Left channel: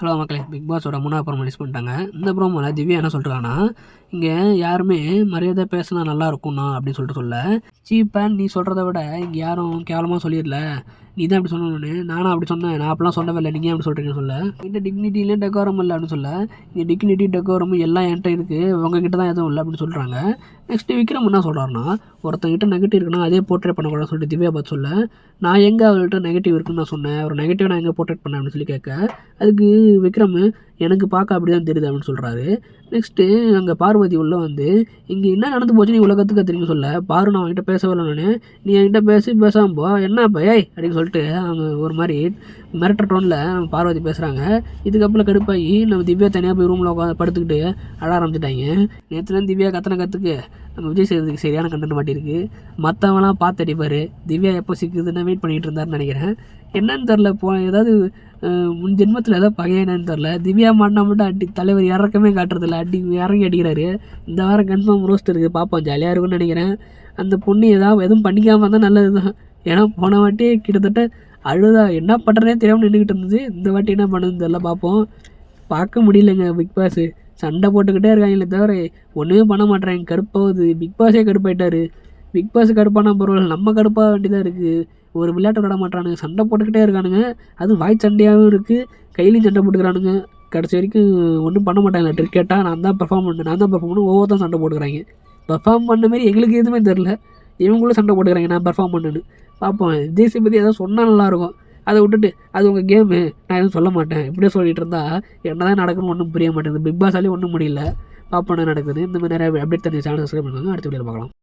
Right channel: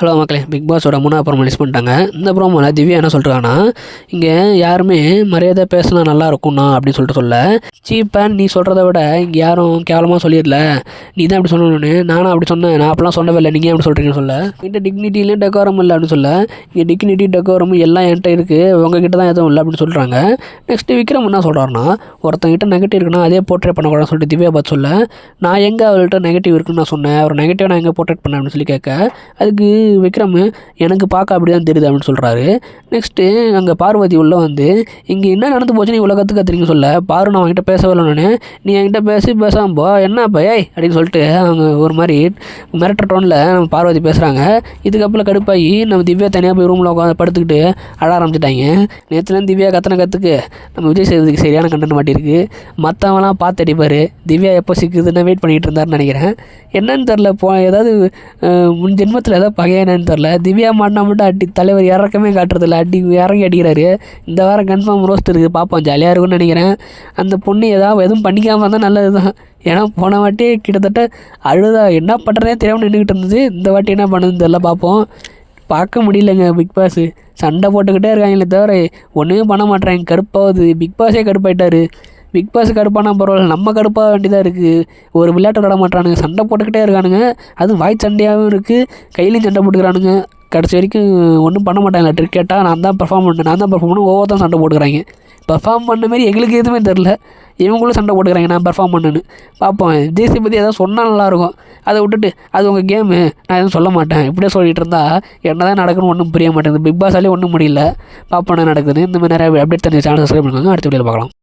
Hello மக்களே big பாஸோட மூணாவது promo release பண்ணிட்டாங்க. இந்த ப்ரோமோவில் திவ்யா என்ன சொல்கிறாங்கன்னா இங்கே யாருமே மரியாதை பேசினா நல்லா இருக்கும்ண்ணா அப்படின்னு சொல்லிட்டு சொல்ல. சீப்பேன் நீ சொல்கிறத விட இங்கே யாரும் கேவலமாக சொல்லிடல. நீ தான் அப்படி சொல்லணும்னு நானும் அப்படி சொன்னேன். நான் அப்படிலாம் சொல்லவே இல்லை. நீங்கள் அப்படி சொல்கிறீங்கன்னு சொல்ல. என்கிட்ட டிக்னிட்டிலையும் டெக்கோரம் இல்லை அப்படின்னு சொல்ல. இங்கே டிக்னிட்டி டெக்கோரம் எல்லாம் என்கிட்ட இருக்குது உங்ககிட்ட தான் எதுவும் இல்லை அப்படின்னு சொல்கிறாங்க நெக்ஸ்ட்டு விக்ரம் என்ன சொல்கிறாருன்னா ஒருத்தங்கிட்ட நெகட்டிவ் இருக்குன்னா அதே போர்ட்ரேட் பண்ணக்கூடாதுன்னு சொல்லிட்டு திவ்யா பார்த்து சொல்ல. நான் எங்கே அவள்கிட்ட நெகட்டிவ் இருக்குன்னு நான் சொன்னேன். அவர் நெகட்டிவ் நான் எங்கே போர்ட்ரேட் பண்ணேன் அப்படின்னு சொல்லி கேட்க. அதுக்கு விக்ரம் எனக்கு பார்க்க அப்படி தான் தெரியுது அப்படின்னு சொல்கிறாரு நெக்ஸ்ட்டு அங்கே பார்வதி உள்ள வந்து இங்கே என்ன நடந்து போச்சு நீ உலகத்துக்கு கத்துறீங்க சொல்ல? பாரு நான் அவன்கிட்ட பேசவே இல்லைன்னு நீ என்கிட்ட பேசி பேசாமல் போ. என்ன இப்போ ஏய்? அப்படின்னு சொல்லிட்டு அவங்க ஒரு மாதிரி மிரட்டுற டோனில் நம்ம பார்வதி பேசுகிறாங்க இதுக்கப்புறம் கடுப்பாகி நம்ம திவ்யா தனியாக போய் ரூமில் உட்காந்து படுத்துக்கிட்டு அழ ஆரம்பிச்சிட்டாங்க. நேற்றுலேருந்து திவ்யா கத்தனை கற்றுக்கு நம்ம விஜய் சேதுக்கு சரியான கண்டன மாட்டியிருக்கு. மற்றவங்களாம் பார்த்து அடிப்பார். திவ்யா எப்போ சிக்குதுன்னு வெயிட் பண்ணிகிட்டு இருந்தாருன்னு நினைக்கிறேன். என்னன்னு தெரில போ ஏதாவது முன் ஜென்மத்தில் ஏதாவது பகையா என்னன்னு தெரில திவ்யா மாட்டினா மட்டும் அடி தலைவர் இறக்கமே காட்டுறதில்ல. அடி இறங்கி அடிக்கிறாரு. இந்த வாரம் கன்ஃபார்ம் ரோஸ்ட் இருக்குது. பார்ப்போம். ஜாலியாக இருக்கும்னு நினைக்கிறேன். அந்த பொண்ணு ஏதாவது எதுவும் பண்ணிக்காமல் இருந்தால் நல்லது தான் ஏன்னா போன வாட்டி கிட்டத்தட்ட அழுதா என்ன பண்ணுறதே தெரியாமல் நின்றுக்கிட்டு இருந்தது. இந்த வாட்டி என்ன பண்ணுதுன்னு தெரில பார்ப்போம். பார்க்க முடியலங்க பிக் பாஸ். சண்டை போட்டுக்கிட்டே இருக்காங்களே தவிர ஒன்றுமே பண்ண மாட்டேறாங்க கடுப்பாகுது. பிக் பாஸே கடுப்பாயிட்டாரு. பிக் பாஸ் கடுப்பானா பரவாயில்ல நம்ம கடுப்பாக வேண்டியதாக இருக்குது ஒரு விளையாட்டு விளாட மாட்டானுங்க. சண்டை போட்டுக்கிட்டே இருக்கானுங்க. அதுவும் வாய் சண்டையாகவும் இருக்குது கையிலையும் சண்டை போட்டுக்கிறானுங்க. கடைசி வரைக்கும் ஒன்றும் பண்ண மாட்டாங்க. ட்ரிக் நான் தான் பெர்ஃபார்ம் பண்ணேன் நான் தான் பெர்ஃபார்ம் பண்ண ஒவ்வொருத்தரும் சண்டை போட்டுக்கிறாங்க. பெர்ஃபார்ம் பண்ண மாரி எங்களுக்கு எதுவுமே தெரில இவங்களும் சண்டை போட்டுக்கிறாங்க. நான் பெர்ஃபார்ம் பண்ணுன்னு. பார்ப்போம் ஜேசி பற்றி ஏதாவது சொன்னால் நல்லாயிருக்கும் அதை விட்டுட்டு அது உங்கள் கேமு நான் எதுவும் சொல்ல மாட்டேன். இப்படியே சொல்லிட்டு இருந்தால் என்ன தான் நடக்கணும் ஒன்றும் புரிய மாட்டேங்குது. பிக் பாஸாலே ஒன்றும் முடியல. பார்ப்போம் என்ன நடக்குது இந்த மாதிரி நிறைய அப்டேட் தண்ணி சேனல் சப்ஸ்கிரைப் பண்ணுவாங்க அடுத்த வீடியோவில் பார்க்கலாம்.